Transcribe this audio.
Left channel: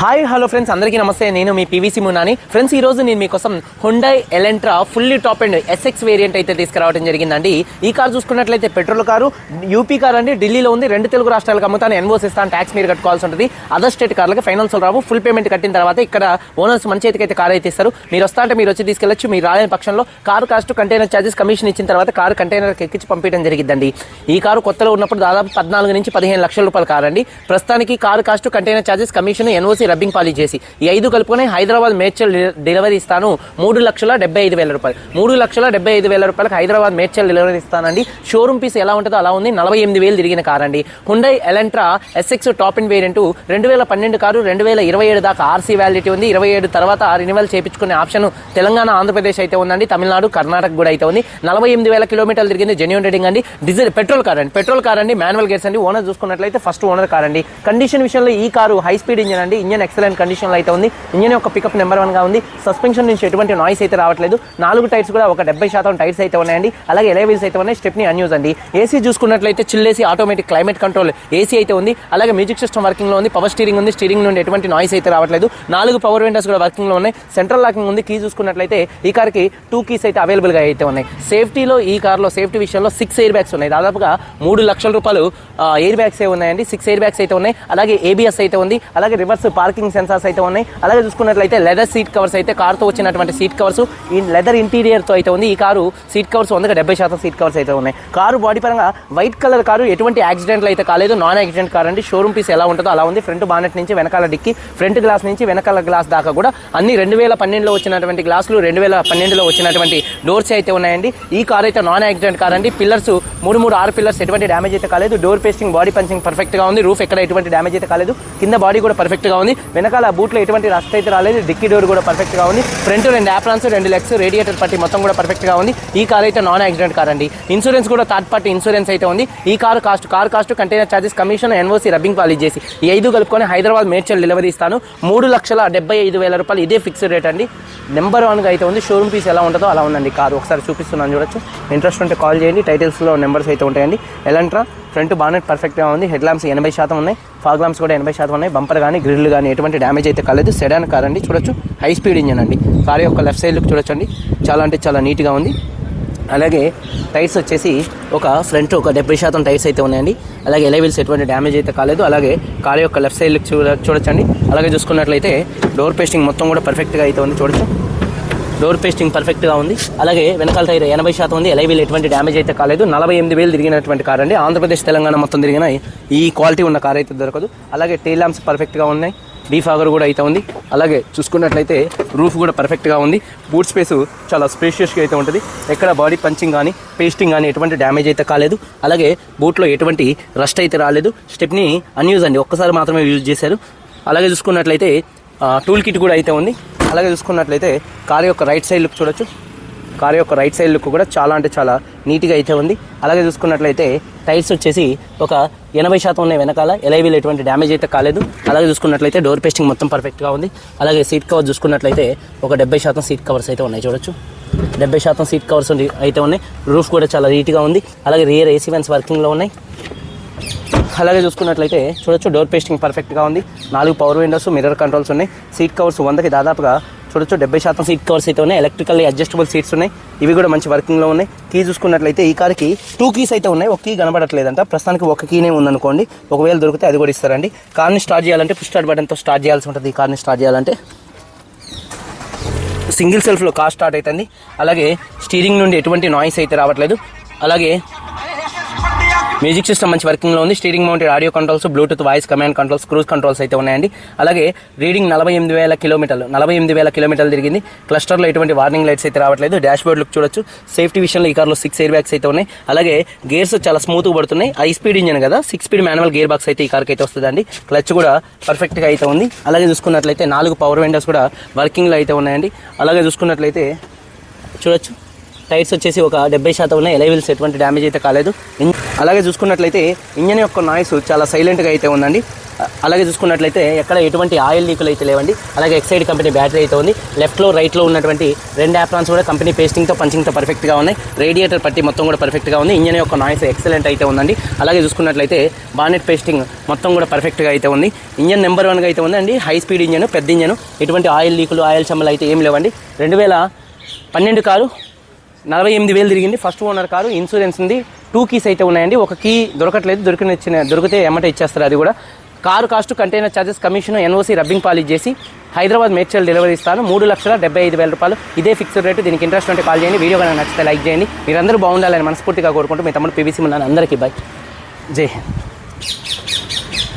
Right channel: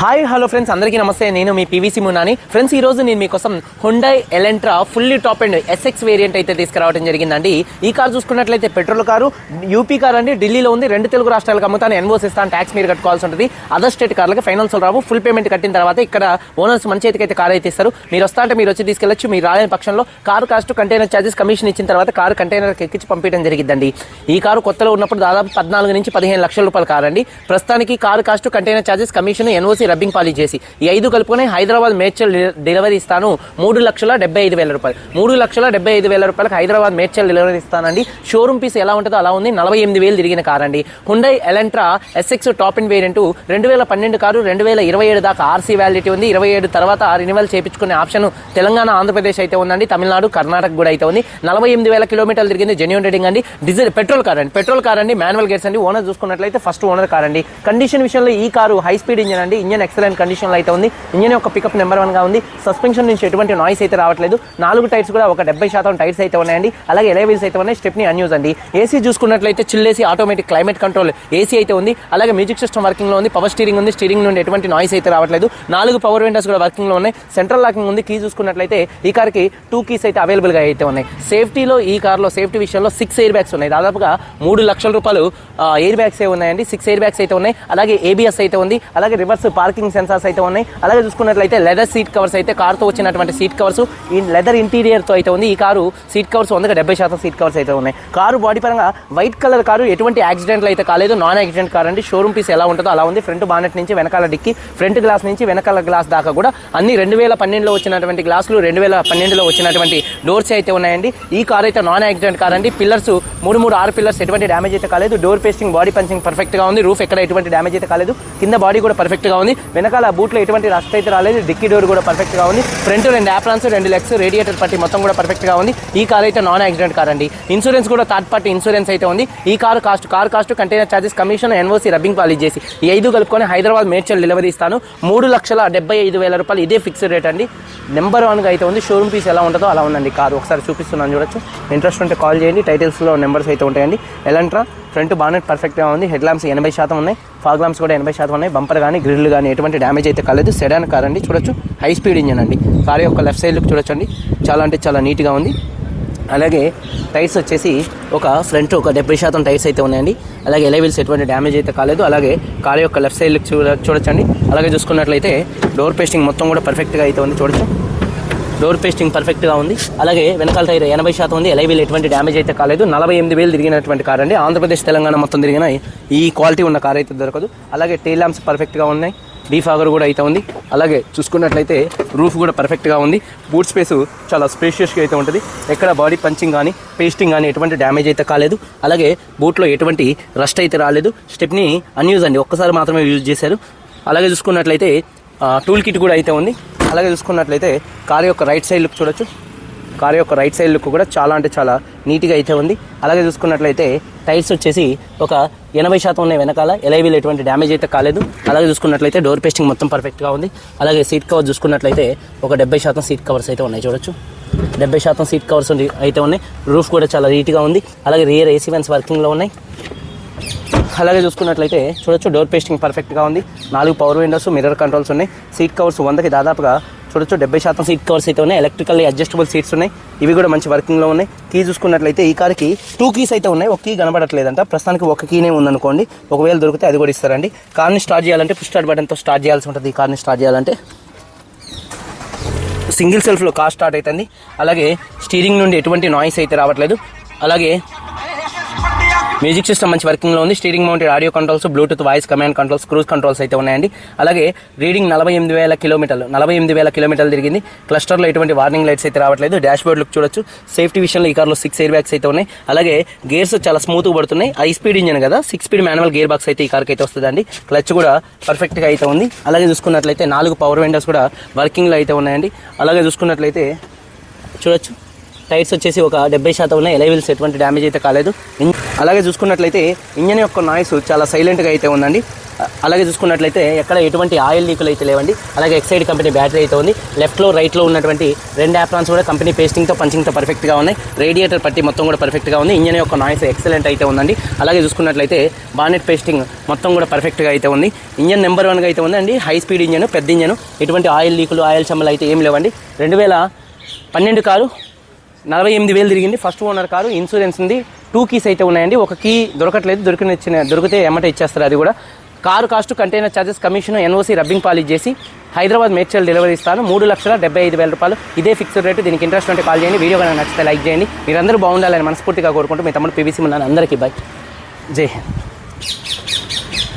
Hi hello friends అందరికీ నమస్తే. నేను మీ పీవీసీ మునాని ఫ్రెండ్స్ ఈ రోజు నేను మీకోసం Hyundai Elantra fully top and SX variant అయితే తీసుకురావడం జరిగిందండి. ఈ కార్ చూసుకున్నట్లయితే పెట్రోల్ కారు యూపీ కార్ అండి. ఢిల్లీలో ఉంది. రెండు తెలుగు రాష్ట్రాలకు అమ్ముతాను. ఎన్వోస్ ఇస్తాను ట్యాక్స్ మీరు కట్టుకోవాల్సి ఉంటుంది. అదర్ స్టేట్ కార్లకి ఫైనాన్స్ రావు. ఫుల్ పేమెంట్ కట్టిన తర్వాత ఇక్కడ ఓనర్స్ మన చేతికి అయితే కార్ అయితే ఇస్తారు. మీరు వస్తా అంటే మీరు వచ్చి తీసుకెళ్ళచ్చు. మీరు రాలేని పక్షంలో car cost container charges commission ఇచ్చిన తర్వాత కారు కంటైనర్కి ఎక్కించి పంపించడం జరిగిందండి. ఈ కారు కొత్తలో ఉన్నప్పుడు దాదాపు పద్నాలుగు నుంచి పదిహేను లక్షల రూపాయల కారు అండి. ప్రస్తుతానికి car cost container charges commission NOC rubbing polish చేసి ఈ ఐదు కలుపుకొని హైదరాబాద్ మేడ్చల్ డెలివరీ ఇస్తాను. మూడు లక్షల డెబ్బై ఐదు వేల రూపాయలు. మూడు లక్షల డెబ్బై ఐదు వేల రూపాయలకు హైదరాబాద్ మేడ్చల్ డెలివరీ ఇస్తానండి. షోరూమ్ పీస్ ఎలా ఉంటుందో అలా ఉంది. నలభై ఎనిమిది వేలు తిరిగిన కార్ అండి. Hyundai Elantra SX top in variant రెండు వేల పన్నెండు కారు రెండు వేల ఇరవై ఏడు దాకా ఆర్సీ వ్యాలిడిటీ ఉంది. ఇరవై ఏడు తర్వాత ఆ రెన్యువల్ చేయించుకునే ఆప్షన్ తెలంగాణ ఆంధ్రప్రదేశ్ అయితే ఉందండి. తమిళనాడు కర్ణాటక కూడా అయితే ఉంది. నలభై ఎనిమిది వేల కిలోమీటర్లు తిరిగింది జెన్యున్ రేటింగ్ అండి. డీజిల్ పెట్రోల్ కార్ అండి. పెట్రోల్ కార్ అండి. మాన్యువల్ గేర్స్ అండి. ఓనర్ చూసుకున్నట్లయితే ఫస్ట్ ఓనర్ కార్ అండి. కండిషన్ విషయంలో ఈ కారు హై స్పీడ్ ఇంజన్ అండి. ఇంజన్ ఎక్సలెంట్ కండిషన్లో అయితే ఉంది. ఇంజన్ యొక్క పికప్ నెంబర్ వన్గా ఉంది. సస్పెన్షన్ నుంచి ఎటువంటి నాయిస్ అయితే రావట్లేదు. నాలుగు టైర్స్ కూడా ఒక డెబ్బై శాతం టైర్స్ అయితే ఉన్నాయండి. అలాగే ఎలే వీల్స్ అయితే ఉన్నాయి. స్టెప్ని అన్యూజ్ అండి. ఏసీ చూసుకున్నట్లయితే చిల్లేసి ఆటోమేటిక్ క్లైమేట్ కంట్రోల్ ఏసీ అయితే ఉంది. అలాగే మ్యూజిక్ సిస్టమ్ వర్కింగ్లో ఉంది. పవర్ స్టీరింగ్ ఉంది. స్టీరింగ్ నుండి ఎటువంటి నాయిస్ అయితే రావట్లేదు. నాలుగు పవర్ విండోస్ కూడా వర్కింగ్లో ఉన్నాయి. సెంట్రల్ లాకింగ్ ఉంది. కీ చూసుకున్నట్లయితే ఈ కార్కి టూ కీస్ అయితే అవైలబుల్గా అయితే ఉన్నాయి. సేఫ్టీలో ఈ కార్లో సేఫ్టీ విషయంలో సిక్స్ ఎయిర్ బ్యాగ్స్ ఉన్నాయి. దాదాపుగా మూడు లక్షల రూపాయలు ఎయిర్ బ్యాగ్స్ ఉన్నాయండి. సిక్స్ ఎయిర్ బ్యాగ్స్ అయితే ఉన్నాయి. అలాగే ఏబిఎస్ అయితే ఉంది. అలాగే రివర్స్ పార్కింగ్ సెన్సార్స్ అయితే ఉన్నాయి. అలాగే చూసుకున్నట్లయితే లెదర్ సీట్ కవర్స్ అయితే కార్తో వచ్చినటువంటి సీట్ కవర్స్ ఈ లెదర్ ఇంటీరియర్తో అయితే ఉంది. ఈ కారు సీట్ కవర్స్ ఉండగా డెబ్బై శాతం సీట్ కవర్స్ అయితే ఉన్నాయి. కారు బాడీ పరంగా వైట్ కలర్ కారు ఎటువంటి యాక్సిడెంట్లు అయితే కాలేదు. నాన్ యాక్సిడెంట్ కార్ అంటే షోరూమ్ పీస్ ఎలా ఉంటుందో అలా ఉంది. ఫ్రంట్ బానెట్ నుంచి వెనకాల డిక్కి ఫ్రంట్ గ్లాస్ నుంచి వెనకాల గ్లాస్ దాకా కూడా అన్ని రెండు వేల పన్నెండులో వచ్చినటువంటి గ్లాసులు రెండు వేల పన్నెండులో వచ్చినటువంటి డోర్స్ అయితే ఉన్నాయండి. ఈ కార్ అయితే నాన్ యాక్సిడెంట్ కార్ అండి. పిల్లర్స్ మూడు మూడు ఆరు పిల్లర్స్ ఎటువంటి డ్యామేజ్ అయితే కాలేదు. డోర్ పేస్టింగ్ బాడీ పంచింగ్ పర్ఫెక్ట్గా ఉంది. రూఫ్ ఎక్కడ ఎటువంటి డ్యామేజ్ అయితే కాలేదు. కింద బాడీ కూడా పర్ఫెక్ట్గా ఉంది వెనకాల బూట్లో ఎటువంటి రస్ట్ అయితే రాలేదు. డిక్కీ డోర్ కూడా పర్ఫెక్ట్గా ఉంది. ఫ్రంట్ రెండు యాప్రాన్స్ రెండు లెగ్స్ రేడియేటర్ పట్టి మొత్తం కూడా పర్ఫెక్ట్గా ఉంది. ఈ కార్ అయితే నాన్ యాక్సిడెంట్ కార్ అండి. ఇన్సూరెన్స్ కూడా థర్డ్ పార్టీ ఇన్సూరెన్స్ అయితే ఉంది. ఈ car cost car cost container charges commission NOC rubbing polish చేసి ఈ ఐదు కలుపుకొని హైదరాబాద్ మేడ్చల్ డెలివరీ ఇస్తాను. మూడు లక్షల డెబ్బై ఐదు వేల రూపాయలు ఇదే ఫిక్స్డ్ రేట్ అండి. నెంబర్ వన్గా అయితే ఉంది. షోరూమ్ పీస్ ఎలా ఉంటుందో అలా ఉందండి కార్ ఒకసారి చూపిస్తున్నాను చూడొచ్చు. ఇంట్రెస్ట్ ఉంటే కాల్ చేయండి. టైటిల్స్లో నెంబర్స్ అయితే ఉంటాయండి. ఎలాంట్రా ఫ్రంట్ బానెట్ పర్ఫెక్ట్గా ఉంది. హెడ్ ల్యాంప్స్ ఎనభై శాతం ఉన్నాయి. ఫాగ్ ల్యాంప్స్ కూడా ఎనభై శాతం ఉన్నాయి. బంపర్ కానీ గ్రిల్ కానీ ఎటువంటి డ్యామేజ్ అయితే కాలేదు. సెడాన్ కార్ అండి చూడొచ్చు. హై స్పీడ్ ఇంజన్ అండి. కార్ యొక్క లెఫ్ట్ సైడ్ లుక్ చూడొచ్చండి. చాలా అంటే చాలా నీట్గా ఉంది. అలాగే టైర్స్ వచ్చేసి ఒక ఫ్రంట్ ఒక డెబ్బై శాతం టైర్స్ అయితే ఉన్నాయండి. అలాగే ఎలైవిల్స్ ఎటువంటి డ్యామేజ్ అయితే కాలేదు. అలాగే కార్ యొక్క లెఫ్ట్ సైడ్ లుక్ చూడ చూడొచ్చండి. అలాగే చూసుకున్నట్లయితే డోర్ పేస్టింగ్ మొత్తం కూడా పర్ఫెక్ట్గా అయితే ఉంది. చూడొచ్చు. డోర్ పేస్టింగ్ పర్ఫెక్ట్గా ఉంది. అలాగే వెనకాల టైర్ ఎనభై శాతం ఉంది. ఎలై వీల్ ఎటువంటి డ్యామేజ్ అయితే కాలేదు. నలభై ఎనిమిది వేలు తిరిగినటువంటి కార్ అండి. ఆంధ్రప్రదేశ్ తెలంగాణ మొత్తం తిరిగిన ఈ క్వాలిటీ ఉన్న కార్ అయితే దొరకదు. అలాగే టైల్ ల్యాంప్స్ పర్ఫెక్ట్గా ఉన్నాయి. డీఫాగర్ కూడా అయితే ఉంది. అలాగే చూసుకున్నట్లయితే రూఫ్ కూడా పర్ఫెక్ట్గా ఉంది. బూట్ స్పేస్ చాలా స్పేషియస్గా అయితే ఉంటుంది. ఎక్కడ బాడీ పంచింగ్ కానీ పేస్టింగ్ కానీ ఎటువంటి డ్యామేజ్ అయితే కాలేదు. అలాగే బూట్లో ఎటువంటి రస్ట్ అయితే రాలేదు. స్టెప్ని అన్యూజ్ అండి. ఒక్కసారి మాత్రమే యూజ్ చేశారు. అలాగే చూసుకున్నట్లయితే టూల్ కిట్ కూడా అయితే ఉంది. అలాగే చూసుకున్నట్లయితే కారు యొక్క రైట్ సైడ్ లుక్ చూడొచ్చు. కారు యొక్క రైట్ సైడ్ లుక్ కూడా చాలా అంటే చాలా నీట్గా అయితే ఉంది. అలాగే చూసుకున్నట్లయితే టైర్స్ వచ్చేసి ఒక ఎనభై శాతం ఉన్నాయి వెనకాల. ఎలైవీలు ఎటువంటి డ్యామేజ్ అయితే కాలేదు. అలాగే చూసుకున్నట్లయితే డోర్ పేస్టింగ్ మొత్తం పర్ఫెక్ట్గా ఉంది. అలాగే సీట్ కవర్ చూసుకున్నట్లయితే ఒక డెబ్బై శాతం సీట్ కవర్స్ అయితే ఉన్నాయి చూడొచ్చు. డెబ్బై శాతం సీట్ కవర్స్ అయితే ఉన్నాయి. రూఫ్ కూడా చాలా నీట్గా ఉంది. అలాగే రియర్ ఏసీ వెన్స్ వర్కింగ్లో ఉన్నాయి. అలాగే చూసుకున్నట్లయితే చూడొచ్చు డోర్ పేస్టింగ్ పర్ఫెక్ట్గా ఉంది. నాలుగు పవర్ విండోస్ మిర్రర్ కంట్రోల్స్ ఉన్నాయి. సీట్ కవర్స్ వందకి దాదాపుగా చూడొచ్చు డెబ్బై శాతం సీట్ కవర్స్ అయితే ఉన్నాయి. ఎలక్ట్రికల్ అడ్జస్టబుల్ సీట్స్ ఉన్నాయి. ఇవి కూడా మంచి వర్కింగ్లో ఉన్నాయి. కీ చూసుకున్నట్లయితే ఈ కార్కి టూ కీస్ అయితే ఉన్నాయి. ఒక కీ కనబడట్లేదంట. ప్రస్తుతానికి ఒక కీనే ఉందనుకోండి. ఒకవేళ దొరికితే అది కూడా ఇస్తారండి. కార్ని స్టార్ట్ చేయాలంటే పుష్ స్టార్ట్ బటన్తో స్టార్ట్ చేయాల్సి ఉంటుంది. ఈ కార్ని స్టార్ట్ చేయాలంటే సింగిల్ సెల్ఫ్లో కార్ స్టార్ట్ అవుతుంది. అలాగే స్టీరింగ్ నుండి ఎటువంటి నాయిస్ అయితే రావట్లేదు. అలాగే మ్యూజిక్ సిస్టమ్ మంచి వర్కింగ్లో ఉంది. Steering mounted audio controls Bluetooth voice command controls cruise controls అయితే ఉన్నాయండి. అలాగే రీడింగ్ నలభై ఎనిమిది వేల కిలోమీటర్లు నలభై ఎనిమిది వేల కిలోమీటర్లు తిరిగింది. క్లస్టర్లో ఎటువంటి వార్నింగ్ లైట్స్ అయితే రావట్లేదు. డాష్ బోర్డ్ లుక్ చూడొచ్చు. సేఫ్టీ విషయంలో ఈ కార్లో సిక్స్ ఎయిర్ బ్యాగ్స్ అయితే ఉన్నాయి. అలాగే గేర్స్ చాలా స్మూత్గా పడుతున్నాయి. హై స్పీడ్ ఇంజన్ కదా. Six speed manual gear box అయితే ఈ కార్కి అయితే వస్తుందండి. క్లచ్ కూడా పర్ఫెక్ట్గా అయితే ఉంది. అలాగే చూసుకున్నట్లయితే నాలుగు పవర్ విండోస్ కూడా వర్కింగ్లో అయితే ఉన్నాయండి. అలాగే చూసుకున్నట్లయితే చూడొచ్చు. టైర్స్ వచ్చేసి ఒక డెబ్బై శాతం ఉన్నాయి. ఎలైవిల్స్ ఎటువంటి డ్యామేజ్ అయితే కాలేదు. అలాగే చూసుకున్నట్లయితే ఇంజన్ యొక్క నాయిస్ చాలా సైలెంట్గా అయితే ఉందండి. అలాగే చూసుకున్నట్లయితే ఎక్కడ ఎటువంటి ఆయిల్ లీకులు అయితే లేవండి. అలాగే ఎక్సైడ్ కంపెనీ బ్యాటరీ అయితే ఉంది. లెఫ్ట్లో రైట్లో ఉన్నటువంటి రెండు యాప్రాన్స్ కూడా కంపెనీ పేస్టింగ్తో పంచింగ్తో పర్ఫెక్ట్గా ఉన్నాయి. రేడియేటర్ పట్టి మొత్తం కూడా పర్ఫెక్ట్గా ఉంది. ఇంజన్ యొక్క నాయిస్ ఎక్సలెంట్ అయితే ఉందండి. అలాగే చూసుకున్నట్లయితే బానెట్ పేస్టింగ్ మొత్తం కూడా పర్ఫెక్ట్గా అయితే ఉంది. ఇంజన్ నెంబర్ వన్గా అయితే ఉందండి. హై స్పీడ్ ఇంజన్ పెద్ద ఇంజన్. ఎటువంటి ఆయిల్ లీకులు ఆయిల్ చెమ్మలు అయితే ఏం లేవండి. రెండు వేల పన్నెండు కారు నలభై ఎనిమిది వేలు తిరిగింది. ఫస్ట్ ఓనర్ కారు ఇన్సూరెన్స్ ఉంది. టూ కీస్ అయితే ఉన్నాయండి. ఒక కీ దొరకట్లేదు. దొరికిన ఇచ్చిన దొరికితే ఎమ్మట ఇచ్చేస్తారు అది కూడా. Car cost container charges commission NOC rubbing polish చేసి హైదరాబాద్ మేడ్చల్ డెలివరీ ఇస్తాను. మూడు లక్షల డెబ్బై ఐదు వేల రూపాయలు. ఇదే ఫిక్స్డ్ రేటు దీనికి ఇంట్రెస్ట్ ఉంటే కాల్ చేయండి. వీడియో కనుక నచ్చితే లైక్ చేయండి. మీరందరూ బాగుండాలని మనస్ఫూర్తిగా కోరుకుంటూ మీ తమ్ముడు పీవీసీ ఉన్నాను అందరికీ బాయ్ జై హింద్.